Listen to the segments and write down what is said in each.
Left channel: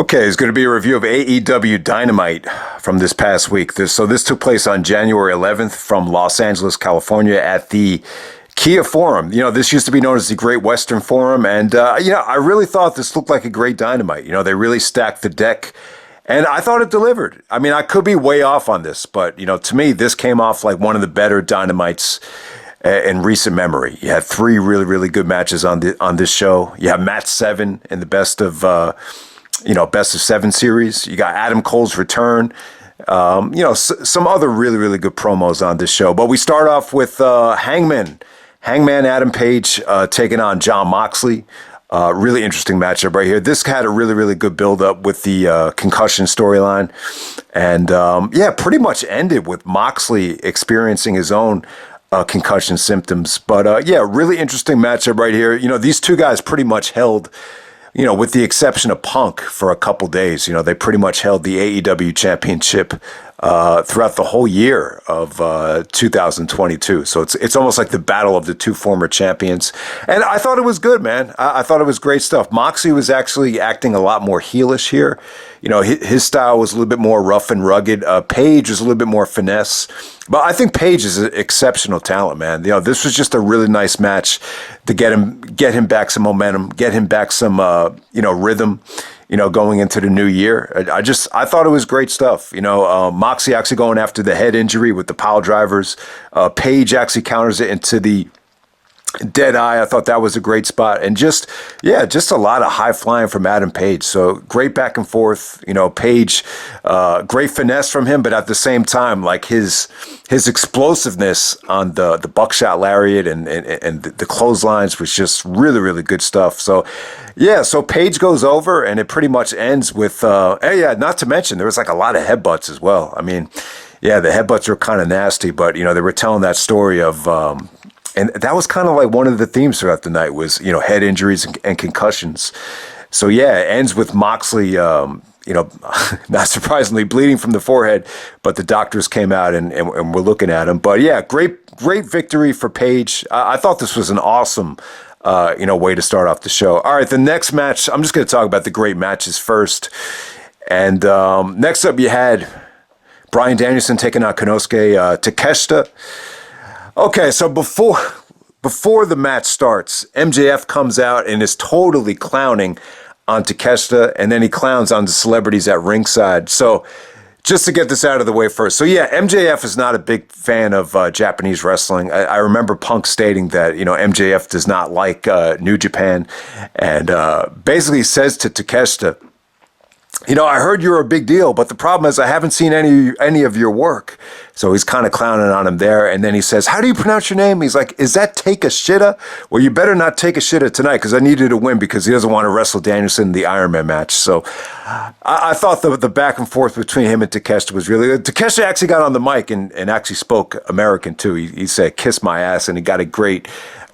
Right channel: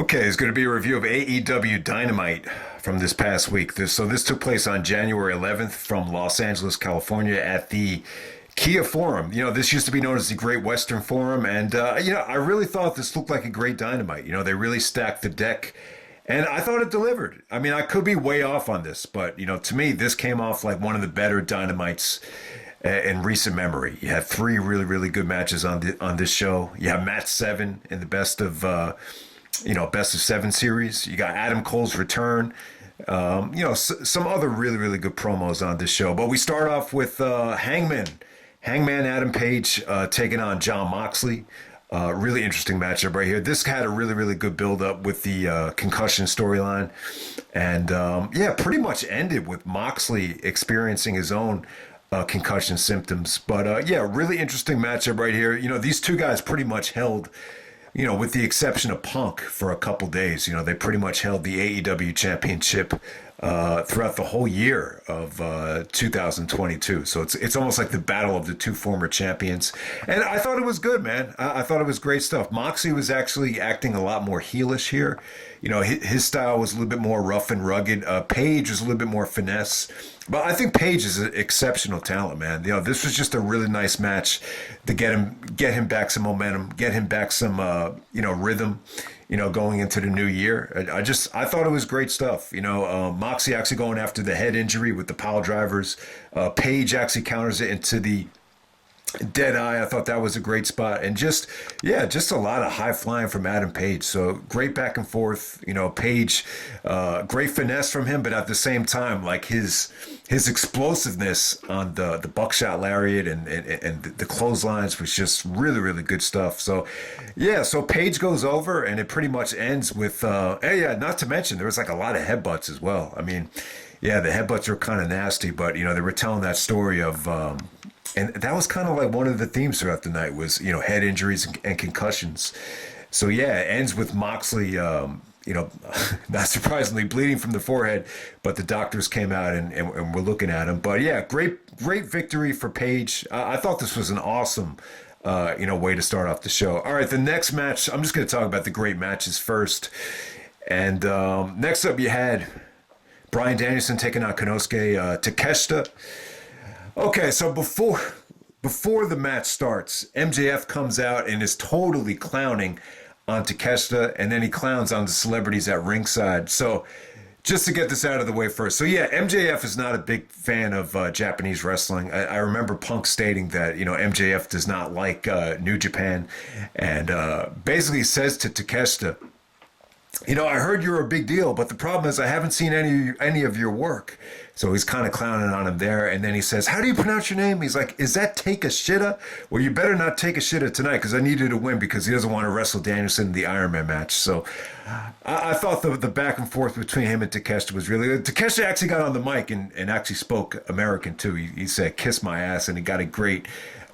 Okay, it's going to be a review of AEW Dynamite from this past week. This took place on January 11th from Los Angeles, California at the Kia Forum. This used to be known as the Great Western Forum. And, I really thought this looked like a great Dynamite. They really stacked the deck. And I thought it delivered. I mean, I could be way off on this, but, to me, this came off like one of the better Dynamites in recent memory. You had three really, really good matches on this show. You have match 7 in the best of 7 series. You got Adam Cole's return. Some other really, really good promos on this show. But we start off with Hangman Adam Page taking on Jon Moxley. Really interesting matchup right here. This had a really, really good build-up with the concussion storyline. And, pretty much ended with Moxley experiencing his own concussion symptoms. But, really interesting matchup right here. These two guys pretty much held, with the exception of Punk for a couple days, they pretty much held the AEW championship throughout the whole year of 2022. So it's almost like the battle of the two former champions. And I thought it was good, man. I thought it was great stuff. Moxley was actually acting a lot more heelish here. His style was a little bit more rough and rugged. Page was a little bit more finesse. But I think Page is an exceptional talent, man. This was just a really nice match to get him back some momentum, get him back some, rhythm, going into the new year. I thought it was great stuff. Moxley actually going after the head injury with the pile drivers. Page actually counters it into the dead eye. I thought that was a great spot. And just a lot of high flying from Adam Page. So great back and forth. Page, great finesse from him, but at the same time, like his explosiveness on the buckshot lariat and the clotheslines was just really, really good stuff. So Page goes over and it pretty much ends with, not to mention there was like a lot of headbutts as well. I mean, the headbutts were kind of nasty, but they were telling that story of, and that was kind of like one of the themes throughout the night was, head injuries and concussions. So, it ends with Moxley, not surprisingly, bleeding from the forehead, but the doctors came out and were looking at him. But, great victory for Page. I thought this was an awesome, way to start off the show. All right, the next match, I'm just going to talk about the great matches first. And next up, you had Bryan Danielson taking on Konosuke Takeshita. Okay, so before the match starts, MJF comes out and is totally clowning on Takeshita, and then he clowns on the celebrities at ringside. So just to get this out of the way first. So MJF is not a big fan of Japanese wrestling. I remember Punk stating that, MJF does not like New Japan, and basically says to Takeshita, I heard you're a big deal, but the problem is I haven't seen any of your work. So he's kind of clowning on him there. And then he says, how do you pronounce your name? He's like, is that Takeshita? Well, you better not take a shita tonight because I need you to win because he doesn't want to wrestle Danielson in the Iron Man match. So I thought the back and forth between him and Takeshita was really good. Takeshita actually got on the mic and actually spoke American too. He said, kiss my ass, and he got a great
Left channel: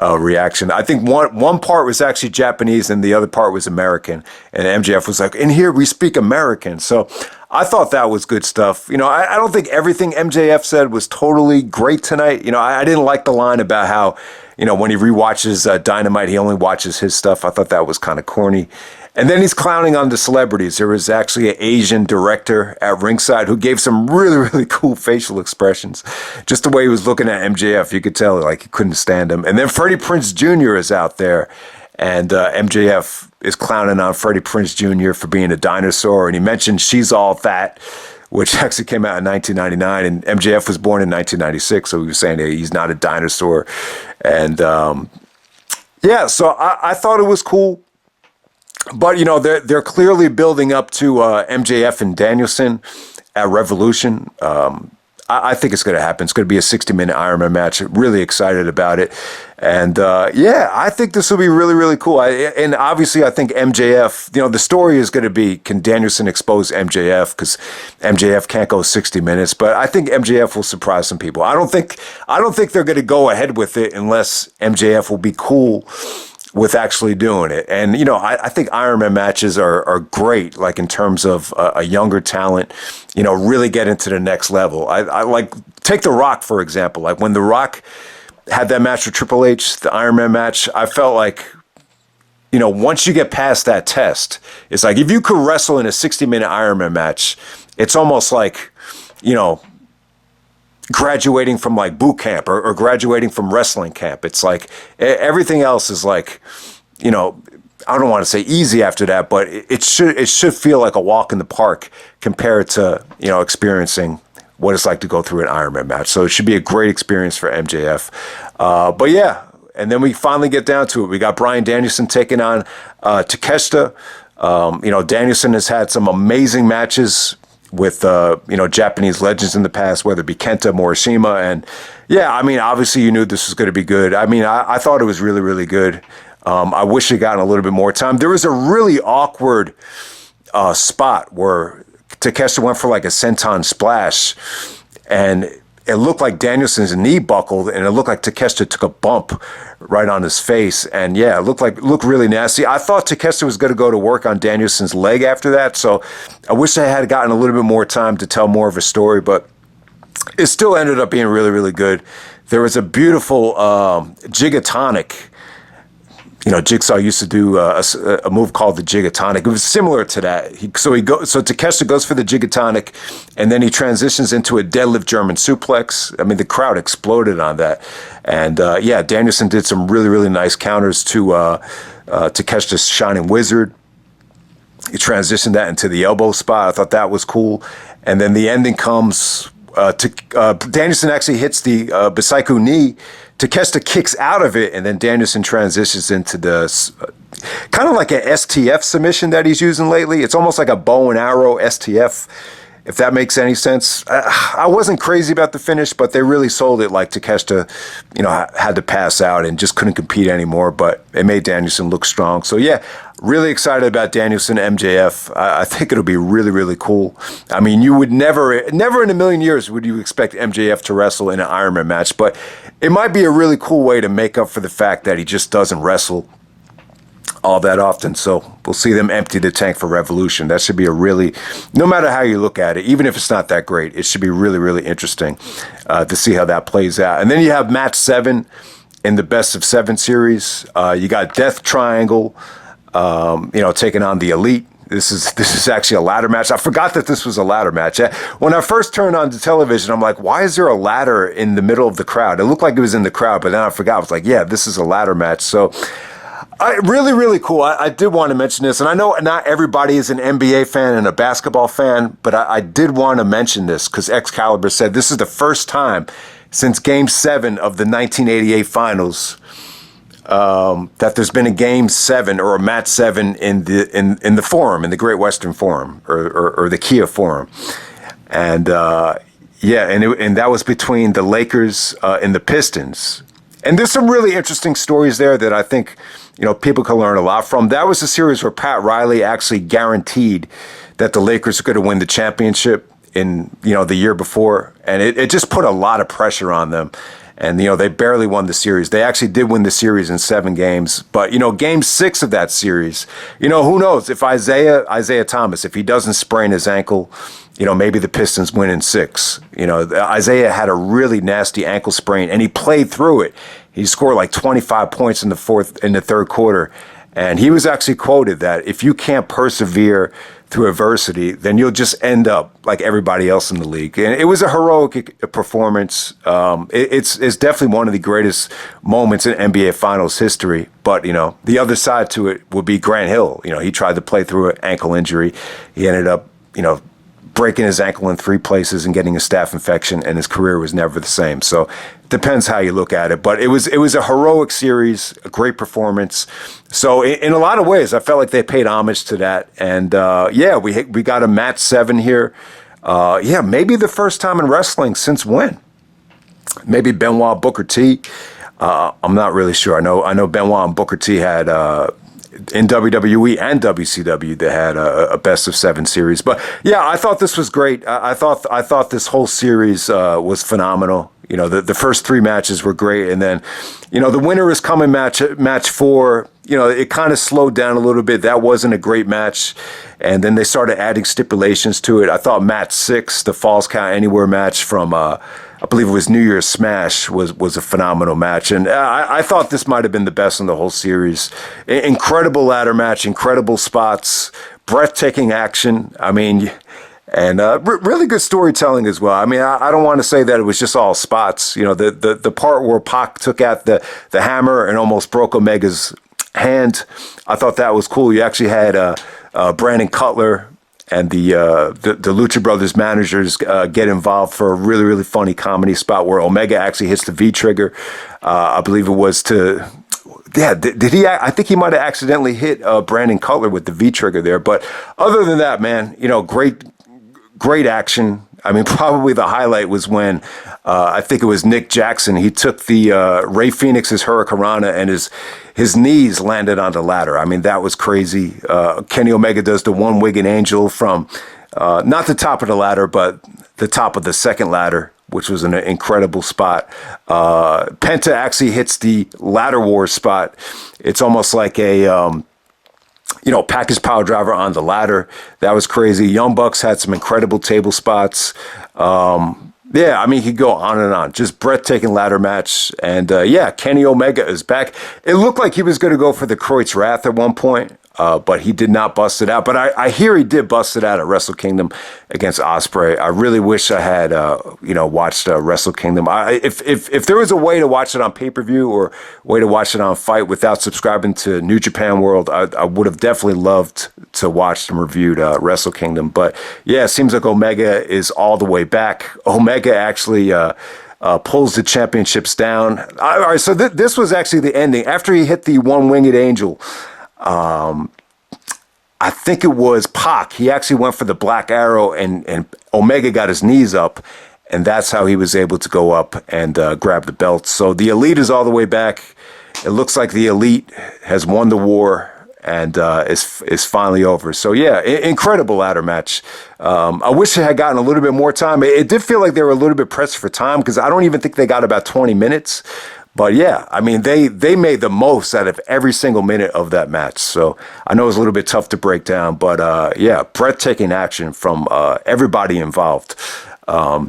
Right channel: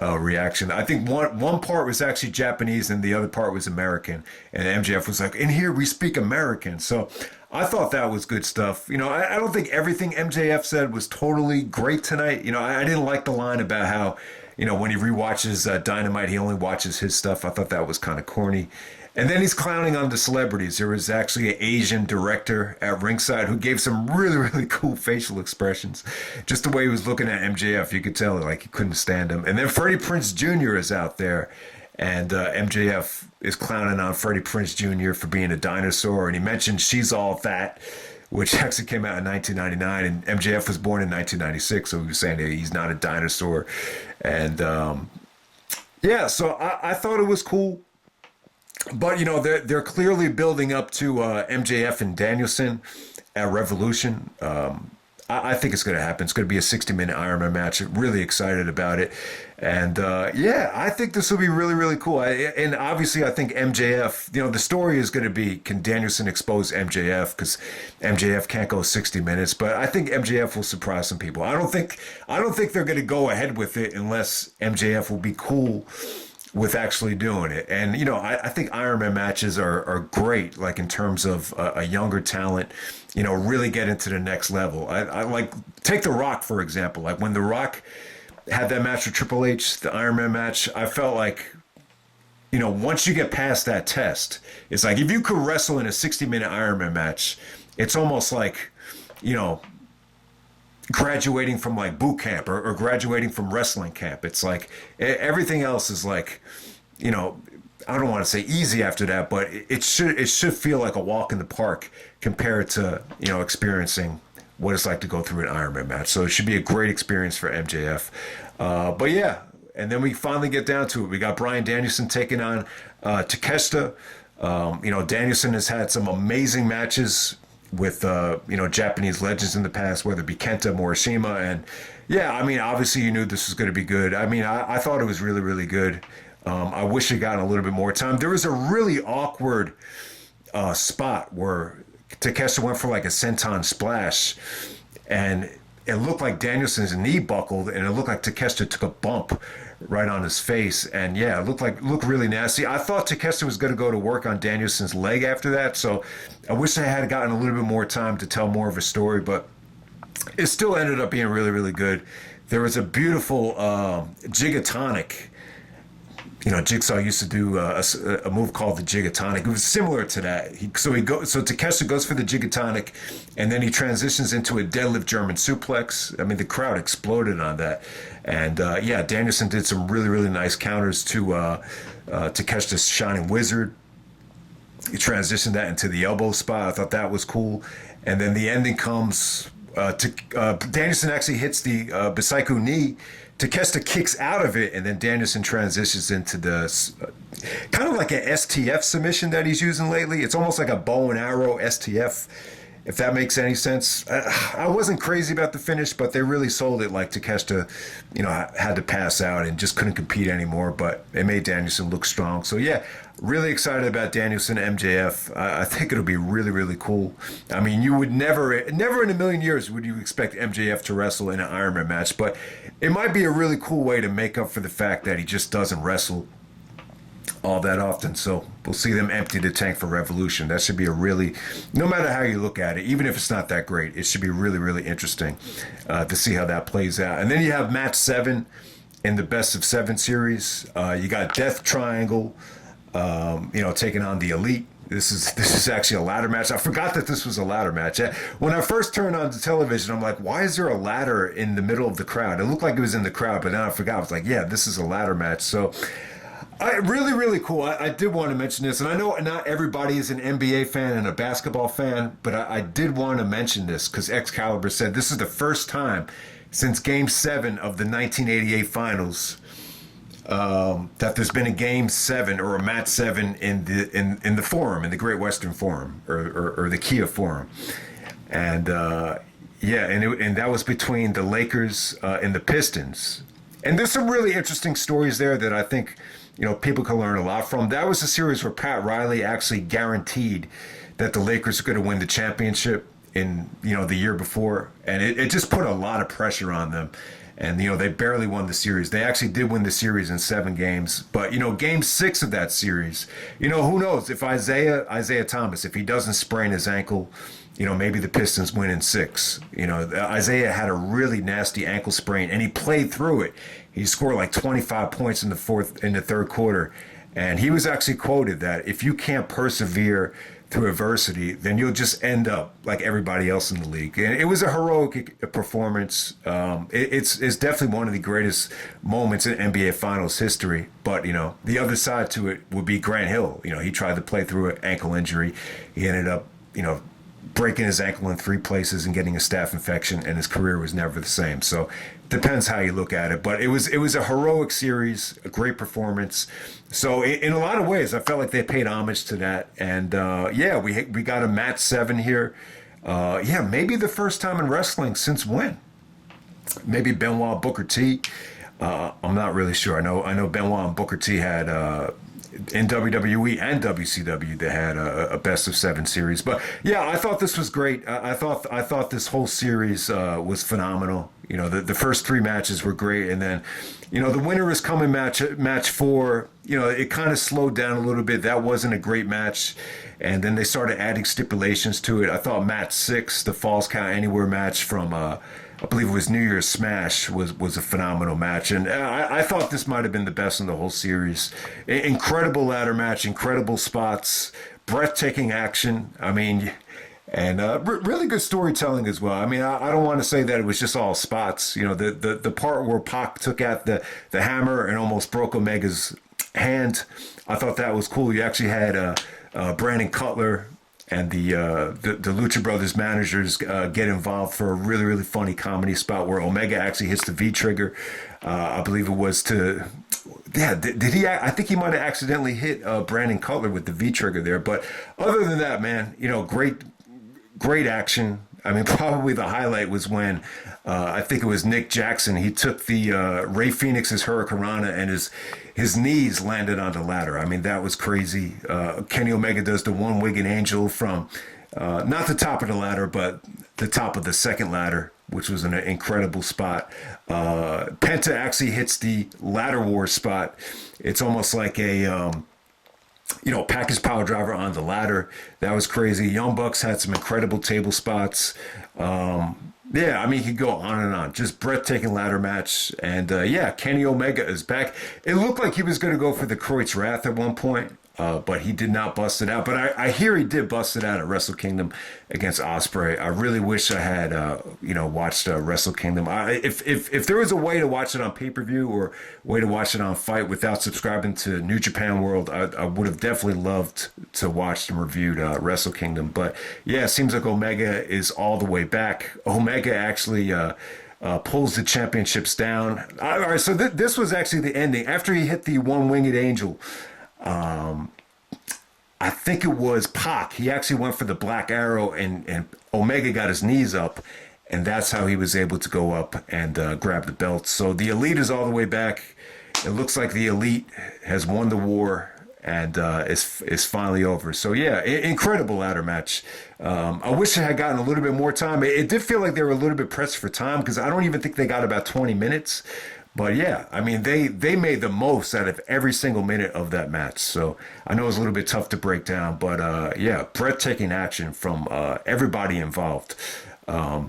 reaction. I think one part was actually Japanese and the other part was American. And MJF was like, in here we speak American. So I thought that was good stuff. I don't think everything MJF said was totally great tonight. I didn't like the line about how, when he rewatches Dynamite, he only watches his stuff. I thought that was kind of corny. And then he's clowning on the celebrities. There was actually an Asian director at ringside who gave some really, really cool facial expressions. Just the way he was looking at MJF, you could tell like he couldn't stand him. And then Freddie Prinze Jr. is out there. And MJF is clowning on Freddie Prinze Jr. for being a dinosaur. And he mentioned She's All That, which actually came out in 1999. And MJF was born in 1996. So he was saying that he's not a dinosaur. And so I thought it was cool. But, they're clearly building up to MJF and Danielson at Revolution. I think it's going to happen. It's going to be a 60-minute Iron Man match. Really excited about it. And, I think this will be really, really cool. And obviously, I think MJF, the story is going to be, can Danielson expose MJF? Because MJF can't go 60 minutes. But I think MJF will surprise some people. I don't think they're going to go ahead with it unless MJF will be cool with actually doing it. And, I think Iron Man matches are great, like in terms of a younger talent, really get into the next level. I like, take The Rock, for example. Like when The Rock had that match with Triple H, the Iron Man match, I felt like once you get past that test, it's like if you could wrestle in a 60-minute Ironman match, it's almost like, graduating from like boot camp or graduating from wrestling camp. It's like everything else is like, I don't want to say easy after that, but it should feel like a walk in the park compared to, experiencing what it's like to go through an Ironman match. So it should be a great experience for MJF. But yeah, and then we finally get down to it. We got Bryan Danielson taking on Takeshita. Danielson has had some amazing matches with, Japanese legends in the past, whether it be Kenta, Morishima. And yeah, I mean, obviously you knew this was going to be good. I mean, I thought it was really, really good. I wish it gotten a little bit more time. There was a really awkward spot where Takeshita went for like a senton splash, and it looked like Danielson's knee buckled, and it looked like Takeshita took a bump right on his face. And yeah, it looked really nasty. I thought Takeshita was going to go to work on Danielson's leg after that, so I wish I had gotten a little bit more time to tell more of a story, but it still ended up being really, really good. There was a beautiful gigatonic. Jigsaw used to do a move called the Gigatonic. It was similar to that. So Takeshita goes for the Gigatonic, and then he transitions into a deadlift German suplex. I mean, the crowd exploded on that. And Danielson did some really, really nice counters to Takeshita's Shining Wizard. He transitioned that into the elbow spot. I thought that was cool. And then the ending comes. Danielson actually hits the Bisaiku knee. Takeshita kicks out of it, and then Danielson transitions into the kind of like an STF submission that he's using lately. It's almost like a bow and arrow STF, if that makes any sense. I wasn't crazy about the finish, but they really sold it like Takeshita, had to pass out and just couldn't compete anymore, but it made Danielson look strong. So yeah, really excited about Danielson MJF. I think it'll be really, really cool. I mean, you would never in a million years would you expect MJF to wrestle in an Ironman match, but it might be a really cool way to make up for the fact that he just doesn't wrestle all that often. So we'll see them empty the tank for Revolution. That should be no matter how you look at it, even if it's not that great, it should be really, really interesting to see how that plays out. And then you have match 7 in the best of 7 series. You got Death Triangle, taking on the Elite. This is actually a ladder match. I forgot that this was a ladder match. When I first turned on the television, I'm like, why is there a ladder in the middle of the crowd? It looked like it was in the crowd, but then I forgot. I was like, yeah, this is a ladder match. So really, really cool. I did want to mention this, and I know not everybody is an NBA fan and a basketball fan, but I did want to mention this because Excalibur said this is the first time since Game 7 of the 1988 Finals that there's been a Game 7 or a Match 7 in the Forum, in the Great Western Forum or the Kia Forum, and and that was between the Lakers and the Pistons, and there's some really interesting stories there that I think people can learn a lot from. That was a series where Pat Riley actually guaranteed that the Lakers were going to win the championship in the year before, and it just put a lot of pressure on them. And, they barely won the series. They actually did win the series in 7 games. But, Game 6 of that series, who knows if Isaiah Thomas, if he doesn't sprain his ankle, maybe the Pistons win in 6. Isaiah had a really nasty ankle sprain, and he played through it. He scored like 25 points in the third quarter. And he was actually quoted that if you can't persevere through adversity, then you'll just end up like everybody else in the league. And it was a heroic performance. It's definitely one of the greatest moments in NBA Finals history. But, the other side to it would be Grant Hill. He tried to play through an ankle injury. He ended up, breaking his ankle in 3 places and getting a staph infection, and his career was never the same. So it depends how you look at it. But it was a heroic series, a great performance. So in a lot of ways, I felt like they paid homage to that. And we got a match 7 here. Maybe the first time in wrestling since when? Maybe Benoit Booker T. I'm not really sure. I know Benoit and Booker T had in WWE and WCW they had a best of 7 series. But yeah, I thought this was great. I thought this whole series was phenomenal. The first 3 matches were great, and then the winner is coming match 4. It kind of slowed down a little bit. That wasn't a great match, and then they started adding stipulations to it. I thought match 6, the Falls Count Anywhere match from I believe it was New Year's Smash was a phenomenal match. And I thought this might have been the best in the whole series. Incredible ladder match, incredible spots, breathtaking action. I mean, and really good storytelling as well. I mean, I don't want to say that it was just all spots. You know, the part where Pac took out the hammer and almost broke Omega's hand, I thought that was cool. You actually had Brandon Cutler and the Lucha Brothers managers get involved for a really, really funny comedy spot where Omega actually hits the V-trigger. I believe it was to... Yeah, did he? I think he might have accidentally hit Brandon Cutler with the V-trigger there. But other than that, man, you know, great action. I mean, probably the highlight was when I think it was Nick Jackson. He took the Rey Fenix's Hurricanrana and his knees landed on the ladder. I mean, that was crazy. Kenny Omega does the one-winged angel from not the top of the ladder, but the top of the second ladder, which was an incredible spot. Penta actually hits the ladder war spot. It's almost like a... package power driver on the ladder. That was crazy. Young Bucks had some incredible table spots. Yeah, I mean, he could go on and on. Just breathtaking ladder match. And Kenny Omega is back. It looked like he was going to go for the Croyd's Wrath at one point, but he did not bust it out. But I hear he did bust it out at Wrestle Kingdom against Ospreay. I really wish I had, watched Wrestle Kingdom. If there was a way to watch it on pay-per-view or way to watch it on Fight without subscribing to New Japan World, I would have definitely loved to watch and reviewed Wrestle Kingdom. But yeah, it seems like Omega is all the way back. Omega actually pulls the championships down. All right, so this was actually the ending. After he hit the one-winged angel, I think it was Pac. He actually went for the Black Arrow, and Omega got his knees up, and that's how he was able to go up and grab the belt. So the Elite is all the way back. It looks like the Elite has won the war and is finally over. So yeah, incredible ladder match. I wish it had gotten a little bit more time. It did feel like they were a little bit pressed for time because I don't even think they got about 20 minutes. But yeah, I mean, they made the most out of every single minute of that match. So I know it was a little bit tough to break down, but yeah, breathtaking action from everybody involved. All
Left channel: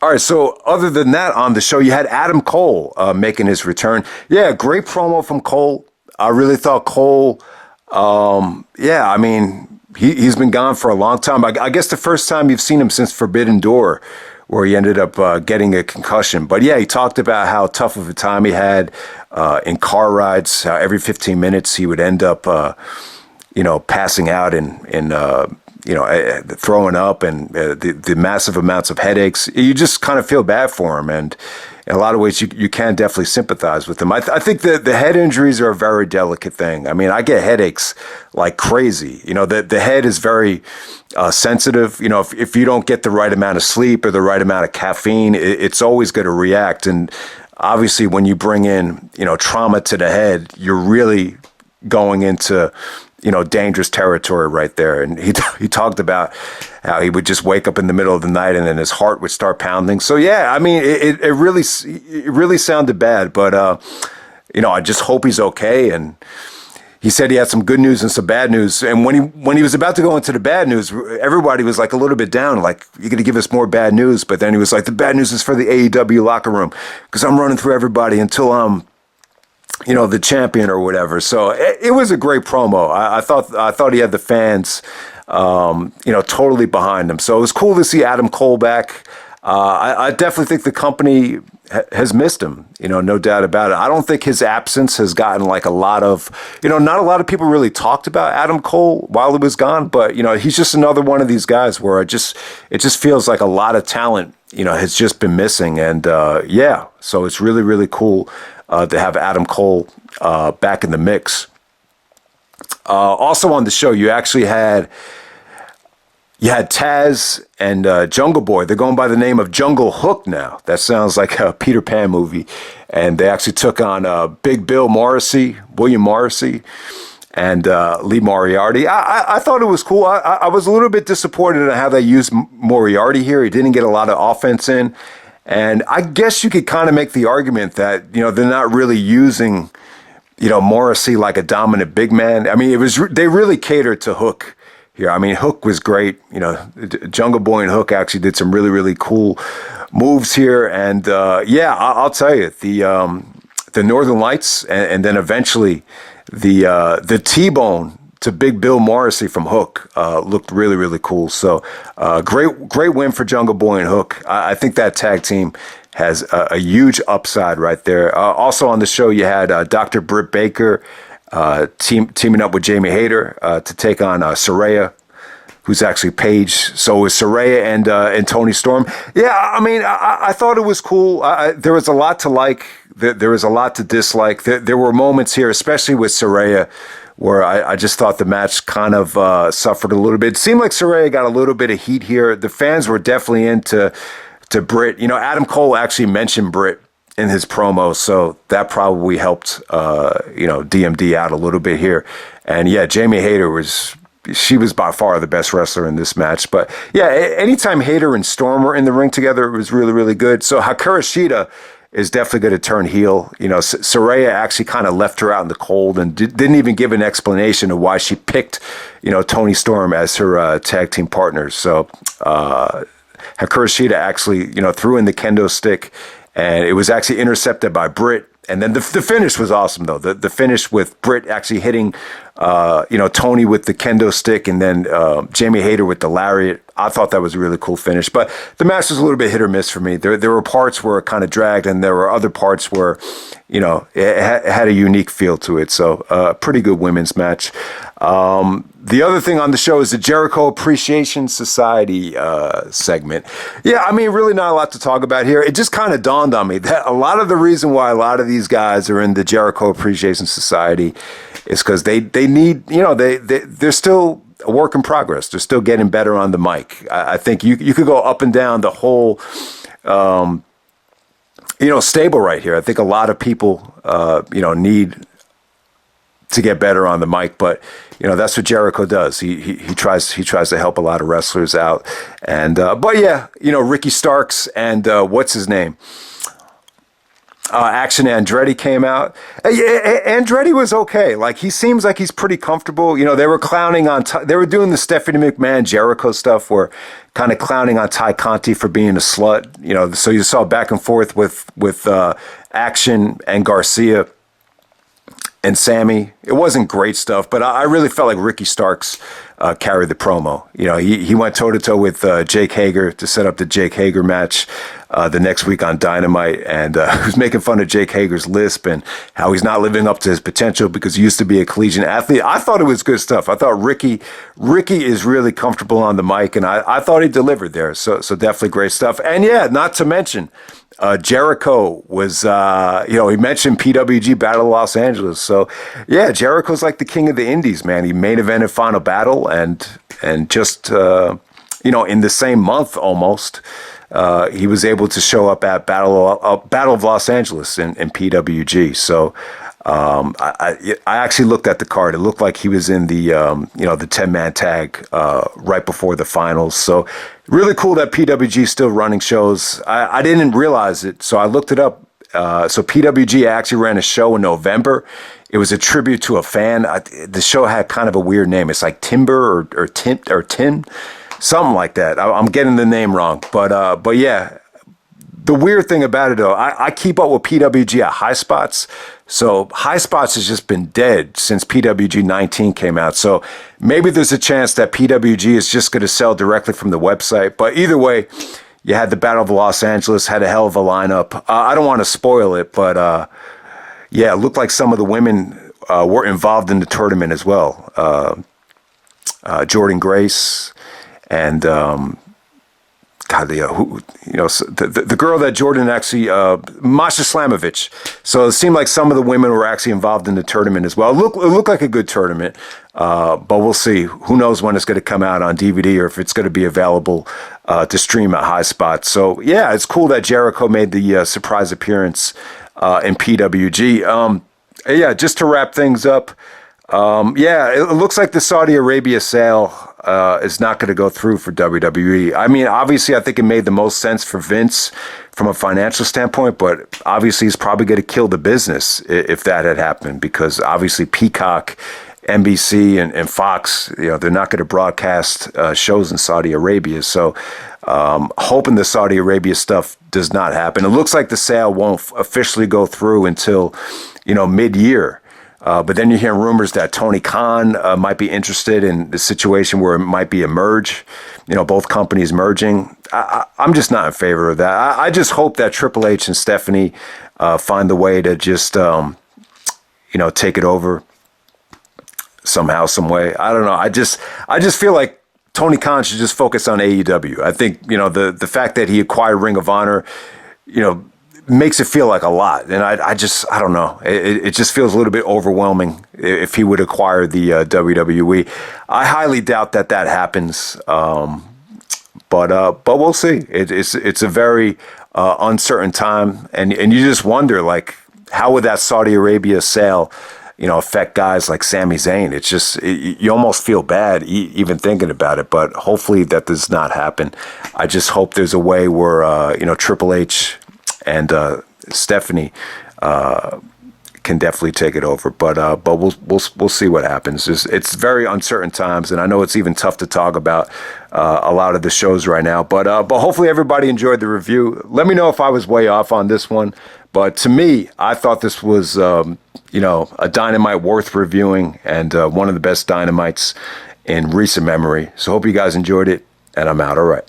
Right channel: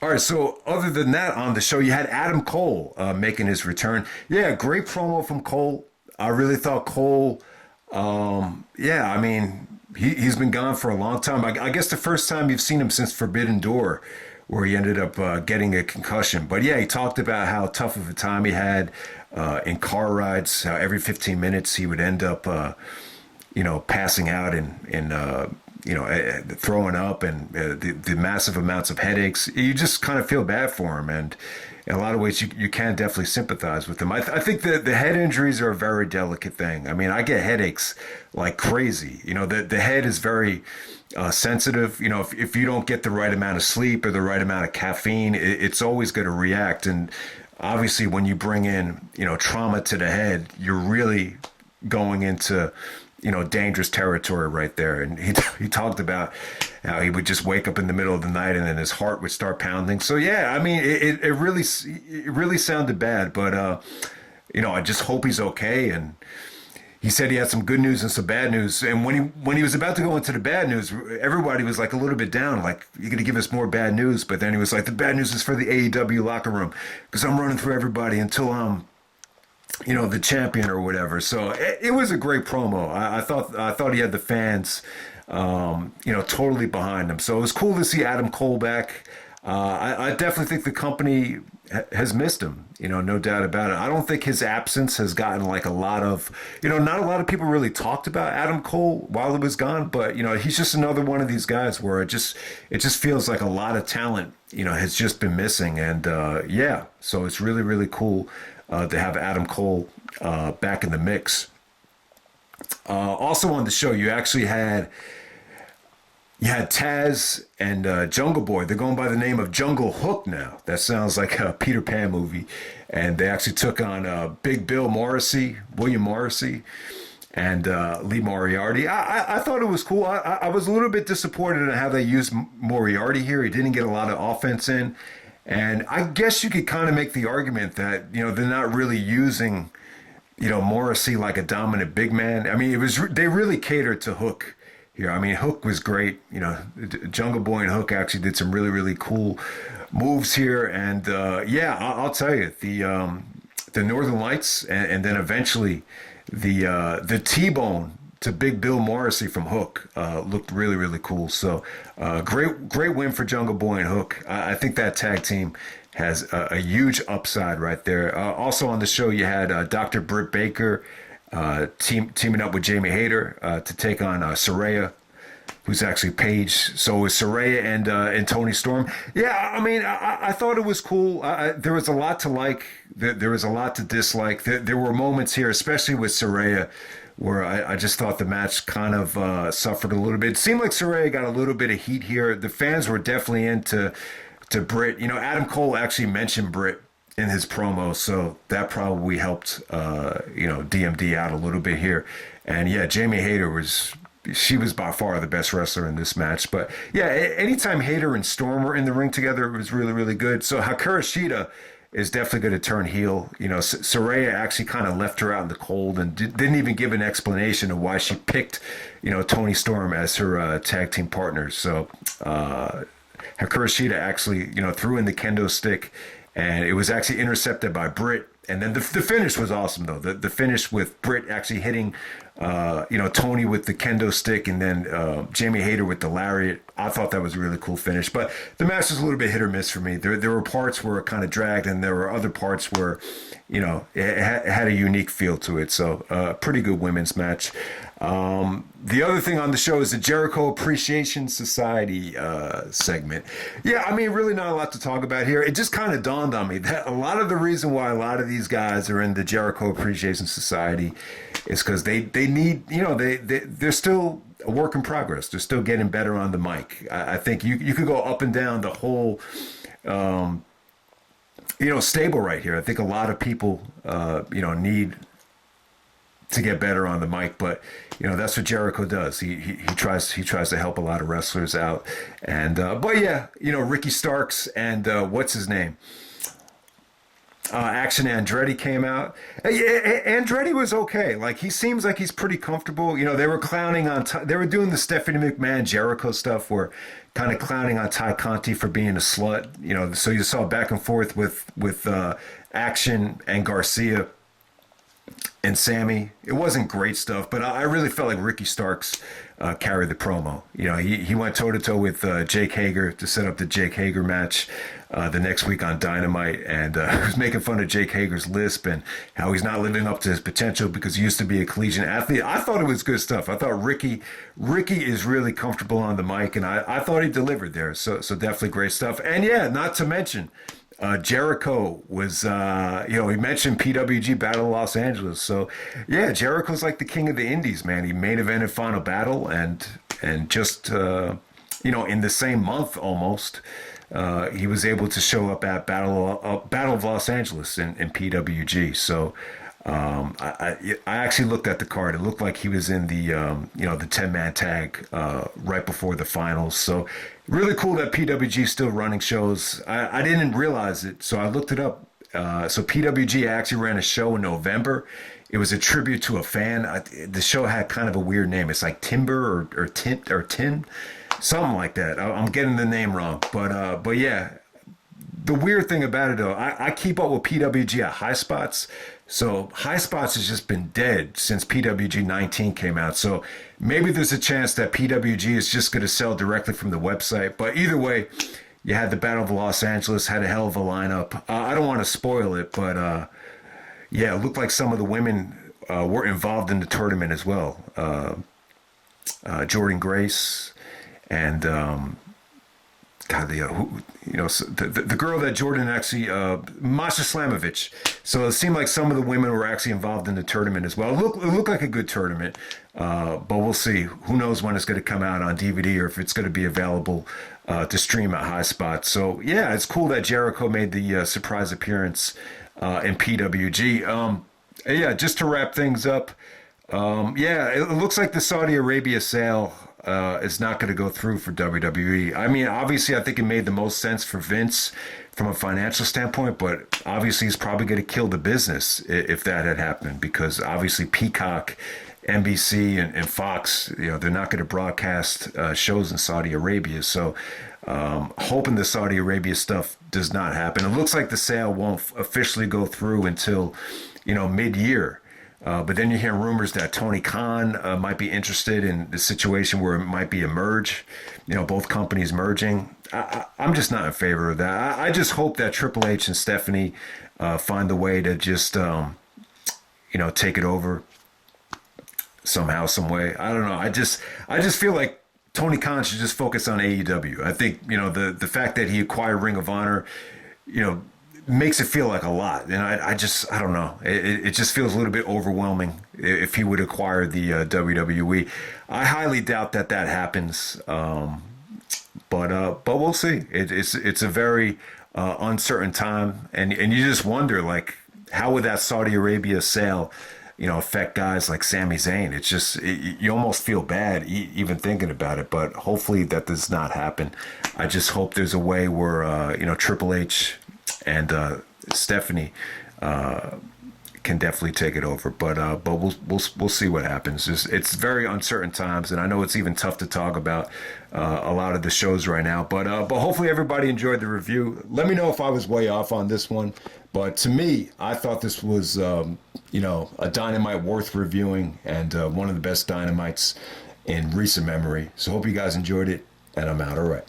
right, so other than that on the show, you had Adam Cole making his return. Yeah, great promo from Cole. I really thought Cole, I mean, he's been gone for a long time. I guess the first time you've seen him since Forbidden Door, where he ended up getting a concussion. But yeah, he talked about how tough of a time he had in car rides, how every 15 minutes he would end up, passing out and throwing up and the massive amounts of headaches. You just kind of feel bad for him. And in a lot of ways, you can definitely sympathize with him. I think the head injuries are a very delicate thing. I mean, I get headaches like crazy. You know, the head is very sensitive. You know, if you don't get the right amount of sleep or the right amount of caffeine, it's always going to react. And obviously, when you bring in, trauma to the head, you're really going into, dangerous territory right there. And he talked about how he would just wake up in the middle of the night and then his heart would start pounding. So yeah, I mean, it really sounded bad, but I just hope he's okay. And he said he had some good news and some bad news. And when he was about to go into the bad news, everybody was like a little bit down, like, you're going to give us more bad news. But then he was like, the bad news is for the AEW locker room because I'm running through everybody until I'm the champion or whatever. So it was a great promo. I thought he had the fans, totally behind him. So it was cool to see Adam Cole back. I definitely think the company has missed him, no doubt about it. I don't think his absence has gotten like a lot of, not a lot of people really talked about Adam Cole while he was gone, but, he's just another one of these guys where it just feels like a lot of talent, has just been missing. And so it's really, really cool to have Adam Cole back in the mix. Also on the show, you actually had Taz and Jungle Boy. They're going by the name of Jungle Hook now. That sounds like a Peter Pan movie. And they actually took on Big Bill Morrissey, William Morrissey, and Lee Moriarty. I thought it was cool. I was a little bit disappointed in how they used Moriarty here. He didn't get a lot of offense in. And I guess you could kind of make the argument that, they're not really using, Morrissey like a dominant big man. I mean, they really catered to Hook here. I mean, Hook was great. You know, Jungle Boy and Hook actually did some really, really cool moves here. And yeah, I'll tell you, the Northern Lights and then eventually the T-Bone to Big Bill Morrissey from Hook looked really, really cool. So great win for Jungle Boy and Hook. I think that tag team has a huge upside right there. Also on the show, you had Dr. Britt Baker teaming up with Jamie Hayter to take on Saraya, who's actually Paige. So it was Saraya and Toni Storm. Yeah, I mean, I thought it was cool. There was a lot to like. There was a lot to dislike. There were moments here, especially with Saraya, where I just thought the match kind of suffered a little bit. It seemed like Saraya got a little bit of heat here. The fans were definitely into Britt. You know, Adam Cole actually mentioned Britt in his promo, so that probably helped, DMD out a little bit here. And yeah, Jamie Hayter was by far the best wrestler in this match. But yeah, anytime Hayter and Storm were in the ring together, it was really, really good. So Hikaru Shida is definitely going to turn heel. You know, Saraya actually kind of left her out in the cold and didn't even give an explanation of why she picked, Toni Storm as her tag team partner. So Hikaru Shida actually, threw in the kendo stick, and it was actually intercepted by Britt. And then the finish was awesome, though. The finish with Britt actually hitting, Toni with the kendo stick, and then Jamie Hayter with the lariat. I thought that was a really cool finish. But the match was a little bit hit or miss for me. There were parts where it kind of dragged, and there were other parts where, it had a unique feel to it. So pretty good women's match. The other thing on the show is the Jericho Appreciation Society segment. Yeah, I mean, really not a lot to talk about here. It just kind of dawned on me that a lot of the reason why a lot of these guys are in the Jericho Appreciation Society is because they need, they're still a work in progress. They're still getting better on the mic. I think you could go up and down the whole, stable right here. I think a lot of people, need to get better on the mic, but that's what Jericho does. He tries to help a lot of wrestlers out, and but yeah, Ricky Starks and what's his name, Action Andretti came out. Andretti was okay. Like, he seems like he's pretty comfortable. They were clowning on they were doing the Stephanie McMahon Jericho stuff, where kind of clowning on Ty Conti for being a slut. So you saw back and forth with Action and Garcia and Sammy. It wasn't great stuff, but I really felt like Ricky Starks carried the promo. He went toe-to-toe with Jake Hager to set up the Jake Hager match the next week on Dynamite, and he was making fun of Jake Hager's lisp and how he's not living up to his potential because he used to be a collegiate athlete. I thought it was good stuff. I thought Ricky is really comfortable on the mic, and I thought he delivered there. So definitely great stuff. And yeah, not to mention, Jericho was, he mentioned PWG Battle of Los Angeles. So, yeah, Jericho's like the king of the indies, man. He main evented Final Battle, and just, in the same month almost, he was able to show up at Battle of Los Angeles in PWG. So, I actually looked at the card. It looked like he was in the, the 10-man tag right before the finals. So really cool that PWG is still running shows. I didn't realize it, so I looked it up. So PWG actually ran a show in November. It was a tribute to a fan. The show had kind of a weird name. It's like Timber or Tin, something like that. I'm getting the name wrong, but yeah. The weird thing about it, though, I keep up with PWG at High Spots. So High Spots has just been dead since PWG 19 came out. So maybe there's a chance that PWG is just going to sell directly from the website. But either way, you had the Battle of Los Angeles, had a hell of a lineup. I don't want to spoil it, but yeah, it looked like some of the women were involved in the tournament as well. Jordan Grace and... God, the girl that Jordan actually, Masha Slamovich. So it seemed like some of the women were actually involved in the tournament as well. It looked like a good tournament, but we'll see. Who knows when it's going to come out on DVD or if it's going to be available to stream at High Spot. So yeah, it's cool that Jericho made the surprise appearance in PWG. Yeah, just to wrap things up. Yeah, it looks like the Saudi Arabia sale is not going to go through for WWE. I mean, obviously, I think it made the most sense for Vince from a financial standpoint, but obviously he's probably going to kill the business if that had happened, because obviously Peacock NBC and Fox, they're not going to broadcast shows in Saudi Arabia. So hoping the Saudi Arabia stuff does not happen. It looks like the sale won't officially go through until, mid-year. But then you hear rumors that Tony Khan might be interested in the situation where it might be a merge, both companies merging. I'm just not in favor of that. I just hope that Triple H and Stephanie find the way to just, take it over somehow, some way. I don't know. I just feel like Tony Khan should just focus on AEW. I think, the fact that he acquired Ring of Honor, makes it feel like a lot. And I don't know. It just feels a little bit overwhelming if he would acquire the WWE. I highly doubt that happens. But we'll see. It's a very uncertain time. And you just wonder, like, how would that Saudi Arabia sale, affect guys like Sami Zayn? It's just, you almost feel bad even thinking about it, but hopefully that does not happen. I just hope there's a way where, Triple H and Stephanie can definitely take it over, but we'll see what happens. It's very uncertain times, and I know it's even tough to talk about a lot of the shows right now. But hopefully everybody enjoyed the review. Let me know if I was way off on this one, but to me, I thought this was a Dynamite worth reviewing and one of the best Dynamites in recent memory. So hope you guys enjoyed it, and I'm out. All right.